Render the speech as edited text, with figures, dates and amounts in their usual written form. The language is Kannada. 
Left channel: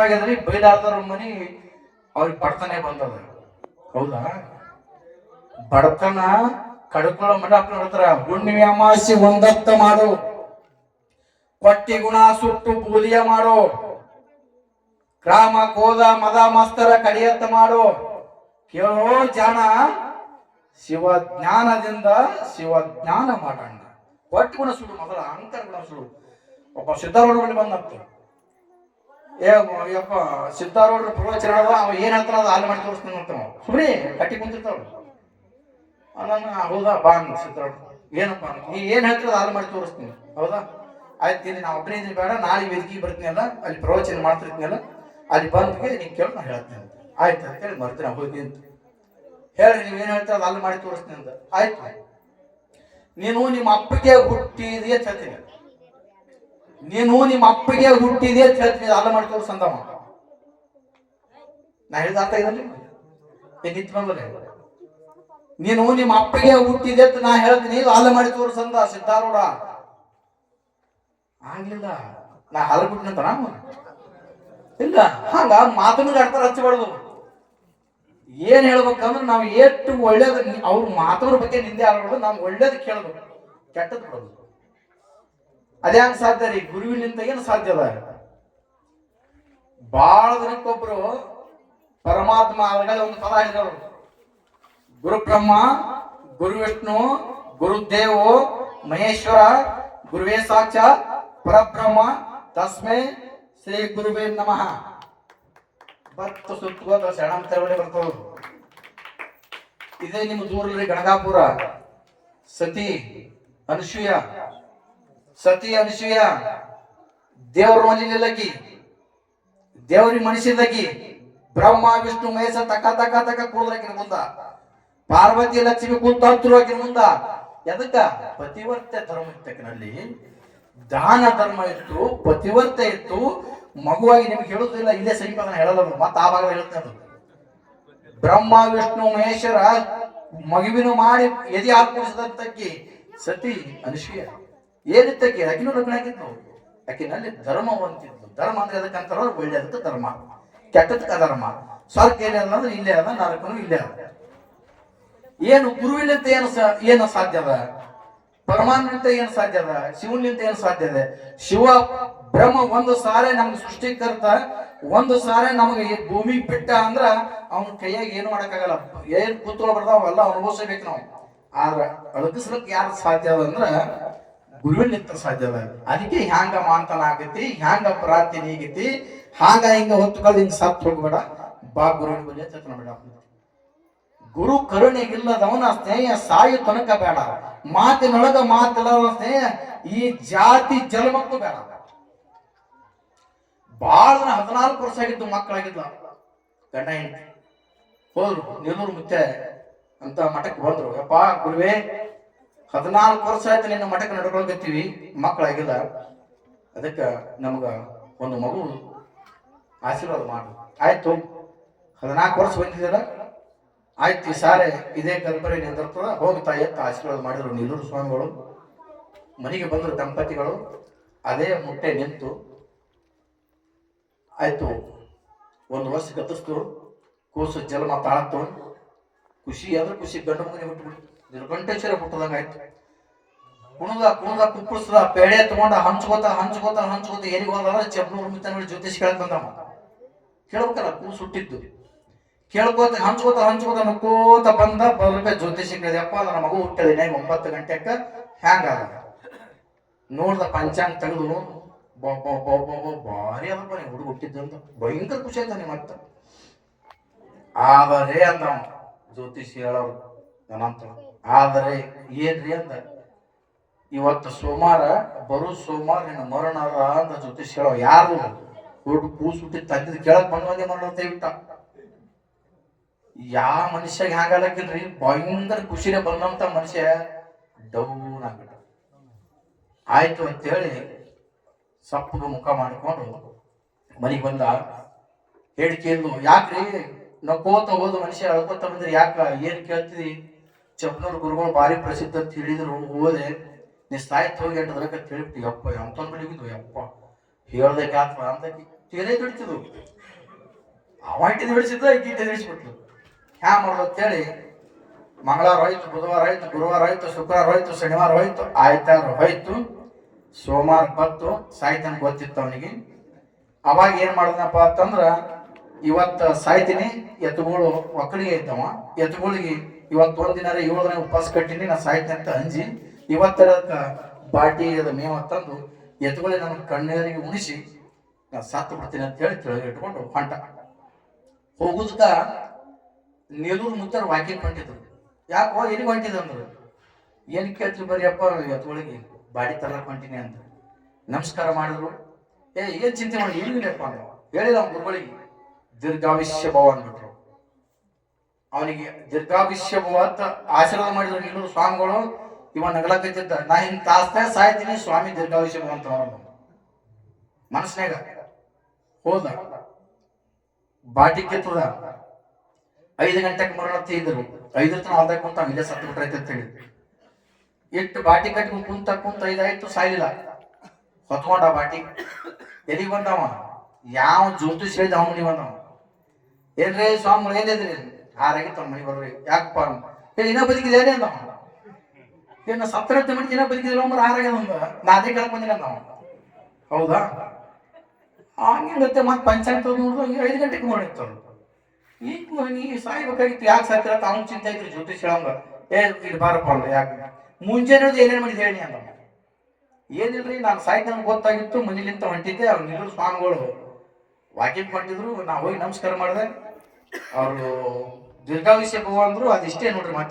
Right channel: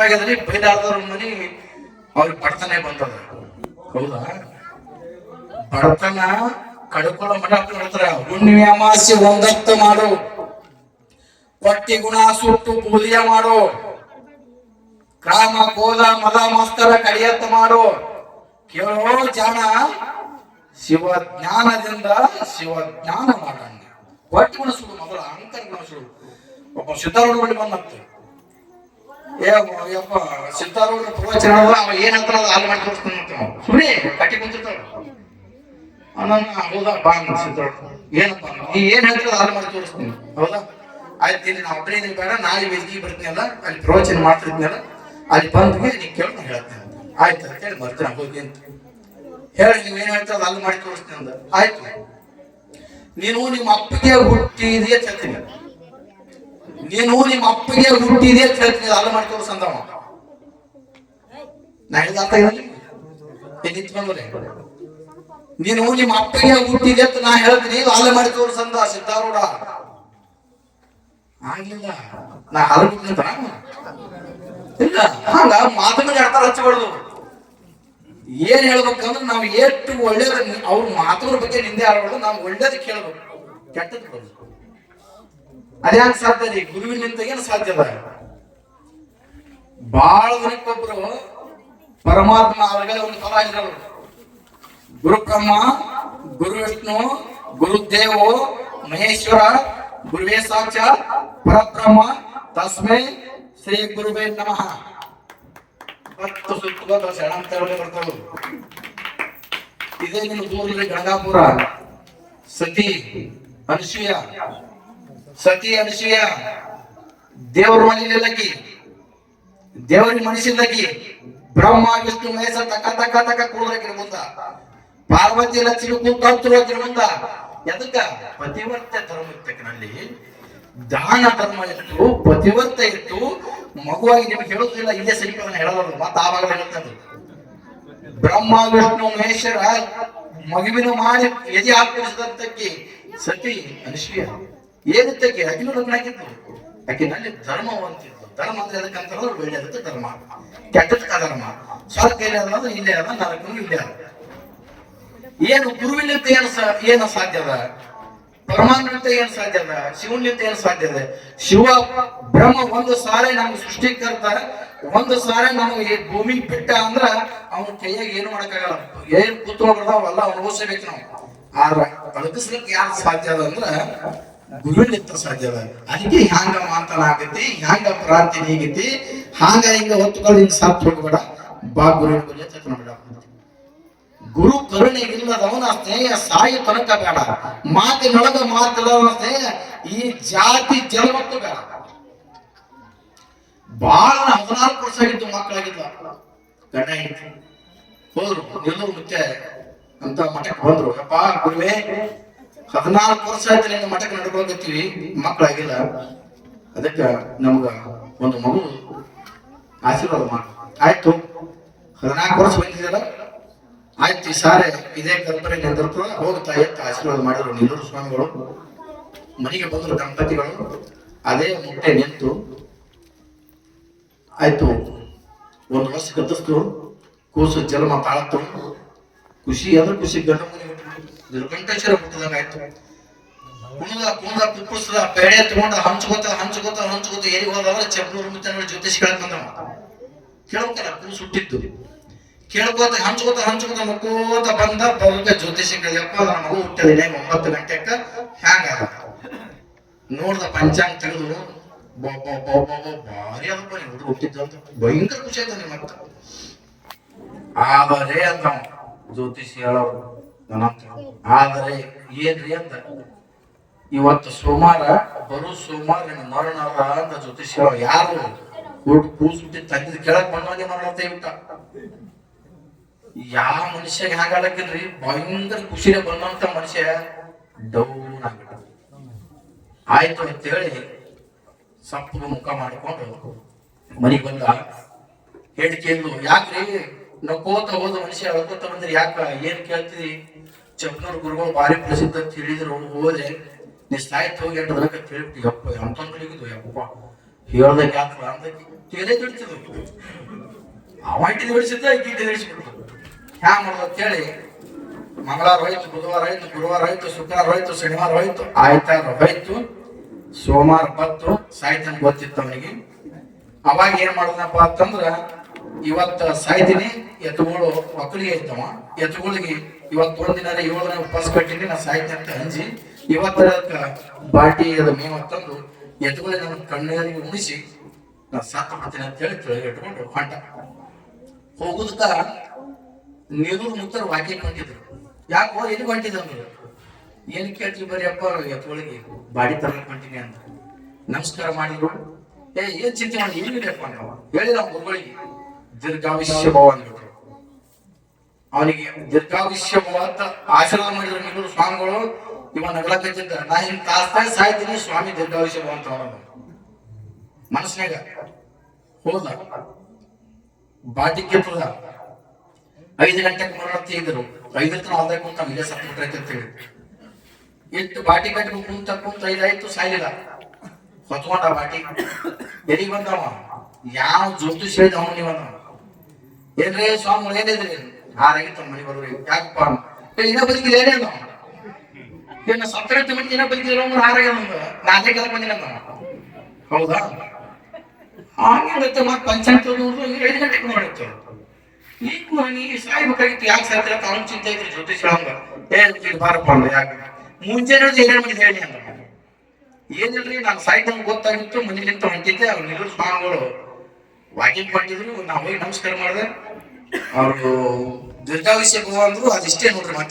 ಬೈದಾದವ್ರ ಮನಿ ಅವ್ರಿಗೆ ಬಡತನ ಬಂದದ. ಹೌದಾ? ಬಡತನ ಕಡ್ಕೊಳ್ಳೋ ಮಠ ಹೇಳ್ತಾರ. ಹುಣ್ಣಿಮೆ ಅಮಾಸ್ಯೆ ಒಂದತ್ತು ಮಾಡು, ಹೊಟ್ಟಿ ಗುಣ ಸುಟ್ಟು ಪೂಲಿಯ ಮಾಡು, ಕ್ರಾಮ ಕೋದ ಮದ ಮಸ್ತರ ಕಡಿಯತ್ತ ಮಾಡು. ಕೇಳೋ ಜಾಣ, ಶಿವಜ್ಞಾನದಿಂದ ಶಿವಜ್ಞಾನ ಮಾಡೋಣ. ಹೊಟ್ಟಿ ಗುಣ ಸುಡು, ಮೊದಲ ಅಹಂಕಾರ ಗುಣ ಸುಡು. ಒಬ್ಬ ಸಿದ್ಧಾರೂಢ ಬಳಿ ಬಂದಂತ, ಯಪ್ಪ ಸಿದ್ಧಾರೂಢ ಪ್ರವಚನ ಅವ ಏನ್ ಹೇಳ್ತಾನ ಹಾಲು ಮಾಡಿ ತೋರಿಸ್ತಾನಂತ. ಸುಮ್ಮನೆ ಕಟ್ಟಿ ಕುಂತಿರ್ತಾವ. ಹೌದಾ ಬಾ ಅಂದ ಸಿದ್ಧಾರೂಢ. ಏನಪ್ಪ ನೀ ಏನ್ ಹೇಳ್ತಾರ ಹಾಲು ಮಾಡಿ ತೋರಿಸ್ತೀನಿ. ಹೌದಾ ಆಯ್ತು, ಇಲ್ಲಿ ನಾ ಒಬ್ಬನೇ ಇದೀನಿ, ಬೇಡ ನಾಳೆ ವೇದಿಕೆ ಬರ್ತೀನಲ್ಲ, ಅಲ್ಲಿ ಪ್ರವಚನ ಮಾಡ್ತಿರ್ತೀನಲ್ಲ, ಅಲ್ಲಿ ಬಂದ್ಗೆ ನೀನ್ ಕೇಳಿ ನಾನು ಹೇಳ್ತೇನೆ. ಆಯ್ತು ಅಂತ ಹೇಳಿ ಬರ್ತೀನಿ ಹೋಗಿ ಅಂತ ಹೇಳಿ, ನೀವೇನ್ ಹೇಳ್ತಾರ ಹಾಲು ಮಾಡಿ ತೋರಿಸ್ತೀನಿ ಅಂದ. ಆಯ್ತು, ನೀನು ನಿಮ್ಮ ಅಪ್ಪಗೆ ಹುಟ್ಟಿದೆ ಅಂತ ಹೇಳ್ತೀನಿ. ನೀನು ನಿಮ್ಮ ಅಪ್ಪಗೆ ಹುಟ್ಟಿದೆ ಅಂತ ಹೇಳ್ತೀನಿ, ಹಾಲು ಮಾಡಿ ತೋರಿಸಂದವ. ನಾ ಹೇಳಿದ ಅರ್ಥ ಇಲ್ಲ ನಿಂತು ಬಂದ್ರೆ, ನೀನು ನಿಮ್ಮ ಅಪ್ಪಗೆ ಹುಟ್ಟಿದೆ ಅಂತ ನಾ ಹೇಳ್ತೀನಿ, ಹಾಲು ಮಾಡಿ ತೋರಿಸಂದ ಸಿದ್ಧಾರೂಢ. ಆಗ್ಲಿಲ್ಲ, ನಾ ಹಾಲು ಬಿಡ್ತಂತ ಇಲ್ಲ. ಹಂಗ ಮಾತುಗಳಿಗೆ ಅರ್ಥ ಹಚ್ಚಬಾರ್ದು. ಏನ್ ಹೇಳ್ಬೇಕಂದ್ರೆ ನಾವು ಎಷ್ಟು ಒಳ್ಳೇದ, ಅವ್ರ ಮಾತವ್ರ ಬಗ್ಗೆ ನಿಂದೆ ಆಡ್ಬಾರ್ದು, ನಾವು ಒಳ್ಳೇದ್ ಕೇಳ್ಬೇಕು, ಕೆಟ್ಟದ್ ಕೊಡ್ಬೇಕು. ಅದ್ಯಾಂಗ ಸಾಧ್ಯ ರೀ? ಗುರುವಿನಿಂದ ಏನು ಸಾಧ್ಯ ಅದ? ಬಾಳ ದಿನಕ್ಕೊಬ್ರು ಪರಮಾತ್ಮ ಅವರಿಗೆ ಒಂದು ಫಲ ಹೇಳಿದವರು. ಗುರು ಬ್ರಹ್ಮ, ಗುರು ವಿಷ್ಣು, ಗುರುದೇವೋ ಮಹೇಶ್ವರ, ಗುರುವೇ ಸಾಕ್ಷಾತ್ ಪರಬ್ರಹ್ಮ, ತಸ್ಮೈ ಶ್ರೀ ಗುರುವೇ ನಮಃ. ಬತ್ತು ಸುತ್ತೋದ ಶರಣಾಂತರವೇ ಬರ್ತವರು. ಇದೇ ನಿಮ್ಗೆ ದೂರಲ್ಲಿ ಗಣಗಾಪುರ ಸತಿ ಅನಸೂಯ, ಸತಿ ಅನಸೂಯ ದೇವ್ರ ಮನೆಯಲ್ಲಕ್ಕಿ, ದೇವ್ರಿಗೆ ಮನುಷ್ಯಲ್ಲಕ್ಕಿ, ಬ್ರಹ್ಮ ವಿಷ್ಣು ಮಹೇಶ ತಕ್ಕ ತಕ್ಕ ತಕ್ಕ ಕೂದ್ರಕಿನ ಮುಂದ, ಪಾರ್ವತಿ ಲಕ್ಷ್ಮಿ ಕೂತಾಕಿನ ಮುಂದ. ಎದಕ್ಕ? ಪತಿವರ್ತ ಧರ್ಮ ಇರ್ತಕ್ಕನಲ್ಲಿ ದಾನ ಧರ್ಮ ಇತ್ತು, ಪತಿವರ್ತ ಇತ್ತು. ಮಗುವಾಗಿ ನಿಮ್ಗೆ ಹೇಳುದಿಲ್ಲ, ಇಲ್ಲೇ ಸರಿಪ ಹೇಳೋದು, ಮತ್ತೆ ಆವಾಗ ಹೇಳ್ತದೆ. ಬ್ರಹ್ಮ ವಿಷ್ಣು ಮಹೇಶ್ವರ ಮಗುವಿನ ಮಾಡಿ ಎದೆ ಹಾಕಿ ಸತಿ ಅನಸೂಯ ಏನಿತ್ತಕ್ಕೆ ಅಕಿನೂ ಲಗ್ನ ಆಗಿತ್ತು. ಅಕಿನಲ್ಲಿ ಧರ್ಮ ಅಂತಿತ್ತು. ಧರ್ಮ ಅಂದ್ರೆ ಅದಕ್ಕಂತ ಒಳ್ಳೆಯದಕ್ಕೆ ಧರ್ಮ, ಕೆಟ್ಟದಕ್ಕೆ ಧರ್ಮ. ಸ್ವರ್ಗ ಇಲ್ಲೇ ಅದ ಅಂದ್ರೆ ಇಲ್ಲೇ ಅದ, ನರಕನು ಇಲ್ಲೇ ಅದ. ಏನು ಗುರುವಿನಿಂದ ಏನು ಸಾಧ್ಯ ಅದ? ಪರಮಾತ್ಮನಿಂದ ಏನು ಸಾಧ್ಯ ಅದ? ಶಿವನಿಂದ ಏನು ಸಾಧ್ಯ ಇದೆ? ಶಿವ ಬ್ರಹ್ಮ ಒಂದು ಸಾರೆ ನಮ್ಗೆ ಸೃಷ್ಟಿಕರ್ತ, ಒಂದು ಸಾರೆ ನಮಗೆ ಭೂಮಿ ಬಿಟ್ಟ ಅಂದ್ರ ಅವನ ಕೈಯಾಗ ಏನು ಮಾಡಕ್ಕಾಗಲ್ಲ. ಏನ್ ಪುತ್ರ ಬರ್ದಾವಲ್ಲ ಅನುಭವಿಸಬೇಕು ನಾವು. ಆದ್ರ ಅಳಗಿಸ್ಲಿಕ್ಕೆ ಯಾರು ಸಾಧ್ಯ ಅದ ಅಂದ್ರ ಗುರುವಿನಿಂದ ಸಾಧ್ಯ ಅದ. ಅದಕ್ಕೆ ಹ್ಯಾಂಗ ಮಾಂತನ ಆಗತಿ, ಹ್ಯಾಂಗ ಪ್ರಾಂತಿ ನೀಗತಿ, ಹಾಂಗ ಹಿಂಗ ಹೊತ್ತುಕೊಂಡು ಹಿಂಗ ಸಾತ್ ಹೋಗ್ಬೇಡ, ಬಾ ಗುರುವಿನ ಬಗ್ಗೆ ಚೇತನ ಬೇಡ. ಗುರು ಕರುಣೆ ಇಲ್ಲದವನ ಸ್ನೇಹ ಸಾಯಿ ತನಕ ಬೇಡ, ಮಾತಿನೊಳಗ ಮಾತಿಲ್ಲವನ ಸ್ನೇಹ ಈ ಜಾತಿ ಜನ್ಮಕ್ಕೂ ಬೇಡ. ಬಾಳ 14 ವರ್ಷ ಆಗಿದ್ದು ಮಕ್ಕಳಾಗಿದ್ದ ಗಂಡ ಹೆಂಡತಿ ಹೋದ್ರು, ನಿಲ್ಲರು ಮುತ್ತೆ ಅಂತ ಮಠಕ್ಕೆ ಬಂದ್ರು. ಯಪ್ಪ ಗುರುವೇ, 14 ವರ್ಷ ಆಯ್ತು ನಿನ್ನ ಮಠಕ್ಕೆ ನಡ್ಕೊಳಕತ್ತೀವಿ, ಮಕ್ಕಳಾಗಿಲ್ಲ, ಅದಕ್ಕೆ ನಮ್ಗ ಒಂದು ಮಗು ಆಶೀರ್ವಾದ ಮಾಡು. ಆಯ್ತು, 14 ವರ್ಷ ಬಂದಿದ್ದಲ್ಲ, ಆಯ್ತು ಈ ಸಾರೆ ಇದೇ ಕಲ್ಪನೆ ನಿಂದಿರ್ತದ, ಹೋಗ್ತಾ ಎತ್ತ ಆಶೀರ್ವಾದ ಮಾಡಿದ್ರು ನಿಲ್ಲೂರು ಸ್ವಾಮಿಗಳು. ಮನೆಗೆ ಬಂದ್ರು ದಂಪತಿಗಳು, ಅದೇ ಮುಟ್ಟೆ ನಿಂತು ಆಯ್ತು. ಒಂದು ವರ್ಷ ಗತಿಸ್ತು, ಕೂಸು ಜನ್ಮ ತಾಳತ್ತು. ಖುಷಿ ಅಂದ್ರೆ ಖುಷಿ, ಗಂಡ ಮನೆ ಗಂಟೇಶ್ವರ ಹುಟ್ಟದಂಗ ಆಯ್ತು. ಕುಣದ ಕುಪ್ಪಳಿಸದ ಪೇಡೆ ತಗೊಂಡ ಹಂಚ್ಕೋತ ಎಲ್ಲಿಗೆ ಹೋದವ ಚೆಪ್ನೂರು ಮುತ್ತ ಜ್ಯೋತಿಷ್ ಕೇಳಕ್ ಬಂದವ. ಕೇಳ್ಬೇಕಲ್ಲ, ಕೂಸು ಹುಟ್ಟಿದ್ದು ಕೇಳ್ಕೋತ ಹಂಚ್ಕೋತ ನುಕ್ಕೋತ ಬಂದ ಬರುತ್ತ ಜ್ಯೋತಿಷಿ ಕೇಳಿದಪ್ಪ, ನನ್ನ ಮಗು ಹುಟ್ಟಲಿಲ್ಲ 9 ಗಂಟೆಕ ಹ್ಯಾಂಗ ಅದ ನೋಡ್ದ. ಪಂಚಾಂಗ ತೆಗೆದು ಭಾರಿ ಅದಪ್ಪ ಹುಡುಗ ಹುಟ್ಟಿದ್ದು ಅಂತ ಭಯಂಕರ ಖುಷಿ ಆಯ್ತು ನಿಮ್ಮ ಮತ್ತ. ಆದರೆ ಅಂದ ಜ್ಯೋತಿಷಿ ಹೇಳೋರು ನನ್ನಂತ, ಆದರೆ ಏನ್ರಿ ಅಂದ, ಇವತ್ತು ಸೋಮವಾರ, ಬರು ಸೋಮವಾರ ನಿನ್ನ ಮರಣ ಅಂತ ಜ್ಯೋತಿಷಿ ಹೇಳೋ. ಯಾರು ಕೂಸು ಹುಟ್ಟಿದ್ ತಂದಿದ್ ಕೇಳಕ್ ಬಂದವನೇ ಮರಣ ತೆಗಿಬಿಟ್ಟ. ಯಾವ ಮನುಷ್ಯಾಗ ಹ್ಯಾಂಗಲಕ್ಕಿಲ್ರಿ, ಭಯಂಕರ ಖುಷಿನೇ ಬಂದಂತ ಮನುಷ್ಯ ಡೌನ್ ಆಗ್ಬಿಟ್ಟ. ಆಯ್ತು ಅಂತೇಳಿ ಸಪ್ಪಗ ಮುಖ ಮಾಡಿಕೊಂಡು ಮನೆಗೆ ಬಂದ. ಹೇಳಿಕೆಂದು, ಯಾಕ್ರಿ ನಕ್ಕೋತ ಹೋದ ಮನುಷ್ಯ ಹೇಳ್ಕೊತ ಬಂದ್ರಿ, ಯಾಕ ಏನ್ ಕೇಳ್ತಿದಿ? ಚಪ್ನೂರ್ ಗುರುಗಳು ಭಾರಿ ಪ್ರಸಿದ್ಧ ಅಂತ ಹೇಳಿದ್ರು, ಹೋದೆ ನೀ ಸಾಯ್ತು ಹೋಗಿ 8 ದಿನಕ್ಕೆ ತಿಳಿಬಿಟ್ಟು. ಯಪ್ಪ ಅಂತ ಹೇಳಿದ್ದು, ಯಪ್ಪ ಹೇಳ್ದಕ್ಕೆ ಯಾಕ ಅಂತ ತೇಲೆ ದುಡಿತಿದ್ರು. ಅವ ಇಟ್ಟಿದ್ದು ಬಿಡಿಸಿದ್ದ ಈಗಿಟ್ಟು ಬಿಡಿಸ್ಬಿಡ್ತು. ಹ್ಯಾ ಮಾಡೋದು ಅಂತೇಳಿ ಮಂಗಳವಾರ ಹೋಯ್ತು, ಬುಧವಾರ ಹೋಯ್ತು, ಗುರುವಾರ ಹೋಯ್ತು, ಶುಕ್ರವಾರ ಹೋಯ್ತು, ಶನಿವಾರ ಹೋಯ್ತು, ಆಯ್ತಾರ ಹೋಯ್ತು, ಸೋಮವಾರ ಬತ್ತು. ಸಾಯ್ತಾನೆ ಗೊತ್ತಿತ್ತು ಅವನಿಗೆ. ಅವಾಗ ಏನ್ ಮಾಡಿದ್ನಪ್ಪ ಅಂತಂದ್ರ, ಇವತ್ತ ಸಾಯ್ತೀನಿ, ಎತ್ತುಗಳು ಮಕ್ಕಳಿಗೆ ಐತವ, ಎತ್ತುಗಳಿಗೆ ಇವತ್ತು ಒಂದಿನ 7 ದಿನ ಉಪವಾಸ ಕಟ್ಟಿನಿ, ನಾ ಸಾಯ್ತೀನಿ ಅಂತ ಅಂಜಿ ಇವತ್ತರ ಬಾಟಿ ಅದ ಮೇವ ತಂದು ಎತ್ತುಗಳಿಗೆ ನನ್ನ ಕಣ್ಣೀರಿಗೆ ಉಣಿಸಿ ನಾ ಸತ್ತು ಬಿಡ್ತೀನಿ ಅಂತ ಹೇಳಿ ಕೆಳಗೆ ಇಟ್ಕೊಂಡು ಹೊಂಟ. ಹೋಗುದಕ್ಕ ನೀರೂರು ಮುತ್ತರ ವಾಕಿಂಗ್ ಹೊಂಟಿದ್ರು. ಯಾಕೋ ಎಲ್ಲಿ ಹೊಂಟಿದಂದ್ರು, ಏನ್ ಕೇಳ್ತೀವಿ ಬರೀಪ್ಪ ಎತ್ತುಗಳಿಗೆ ಬಾಡಿ ತರಕ್ ಹೊಂಟಿನಿ ಅಂತ. ನಮಸ್ಕಾರ ಮಾಡಿದ್ರು. ಏನ್ ಚಿಂತೆ ಮಾಡಿ ಏನಿಲ್ಲಪ್ಪ ಅಂದ್ರವ. ಹೇಳಿದ ಅವ್ನ ಗುರುಗಳಿಗೆ ದೀರ್ಘಾವಿಷ್ಯ ಭವ ಅಂದ್ಬಿಟ್ರು. ಅವನಿಗೆ ದೀರ್ಘಾವಿಷ್ಯ ಭವ ಅಂತ ಆಶೀರ್ವಾದ ಮಾಡಿದ್ರು ನೀರು ಸ್ವಾಮಿಗಳು. ಇವ ನಗಲಕತ್ತಿದ್ದ, ನಾ ಹಿಂಗ್ ಕಾಸ್ತಾ ಸಾಯ್ತೀನಿ, ಸ್ವಾಮಿ ದೀರ್ಘಾವಿಷ್ಯ ಭವ ಅಂತ ಮನಸ್ನಾಗ ಹೋದ. ಬಾಟಿ ಕೆತ್ತದ 5 ಗಂಟೆಗೆ ಮರಣ ತೆಗೆದ್ರು. 5 ತನ ಆದಾಗ ಕುಂತ ಇಲ್ಲೇ ಸತ್ತು ಬಿಟ್ರೈತೆ ಅಂತ ಹೇಳಿ ಇಟ್ಟು ಬಾಟಿ ಕಟ್ಟಿ ಕುಂತ 5 ಆಯ್ತು, ಸಾಯ್ಲಿಲ್ಲ. ಹೊತ್ಕೊಂಡ ಬಾಟಿ ಎಲ್ಲಿಗೆ ಬಂದವ, ಯಾವ ಜ್ಯೋತಿಷ್ ಹೇಳಿದ ಅವನಿಗೆ ಬಂದವ. ಏನ್ರಿ ಸ್ವಾಮಿ ಏನಿದ್ರಿ? ಆರಾಗಿತ್ತು ಮನೆ ಬರ್ರಿ. ಯಾಕಪ್ಪ ಇನ್ನ ಬದುಕಿಲ್ಲ ಏನೇ ಅಂದವ. ಇನ್ನ ಸತ್ತರತ್ತೆ ಮನೆ ಇನ್ನ ಬದುಕಿಲ್ಲ ಆರಾಗ್ಯ ನಾ ಅದೇ ಕೆಳಗೆ ಬಂದಿನ ಅಂದವ. ಹೌದಾ? ಹಂಗಿರುತ್ತೆ. ಮತ್ತೆ ಪಂಚಾಯತ್ 5 ಗಂಟೆಗೆ ಮಾಡಿತ್ತು. ಈಗ ನೀ ಸಾಯ್ಬೇಕಾಗಿತ್ತು, ಯಾಕೆ ಸಾಯ್ತಿರ ತಾನು ಚಿಂತೆ ಐತ್ರಿ ಜ್ಯೋತಿಷ್ ಹೇಳಂಗ. ಇದು ಬಾರಪ್ಪ ಅಂದ. ಯಾಕೆ ಮುಂಜಾನೆ ಏನೇನು ಮಾಡಿದ್ ಹೇಳಿ ಅಂದ. ಏನಿಲ್ರಿ, ನಾನು ಸಾಯ್ತಂಗೆ ಗೊತ್ತಾಗಿತ್ತು, ಮನೇಲಿಂತ ಹೊಂಟಿದ್ದೆ. ಅವ್ರು ನೀರು ಸ್ವಾಮಿಗಳು ವಾಕಿಂಗ್ ಹೊಂಟಿದ್ರು, ನಾ ಹೋಗಿ ನಮಸ್ಕಾರ ಮಾಡಿದೆ. ಅವರು ದೀರ್ಘಾವಿಷ್ಯ ಭವ ಅಂದ್ರು. ಅದಿಷ್ಟೇ ನೋಡ್ರಿ. ಮತ್ತೆ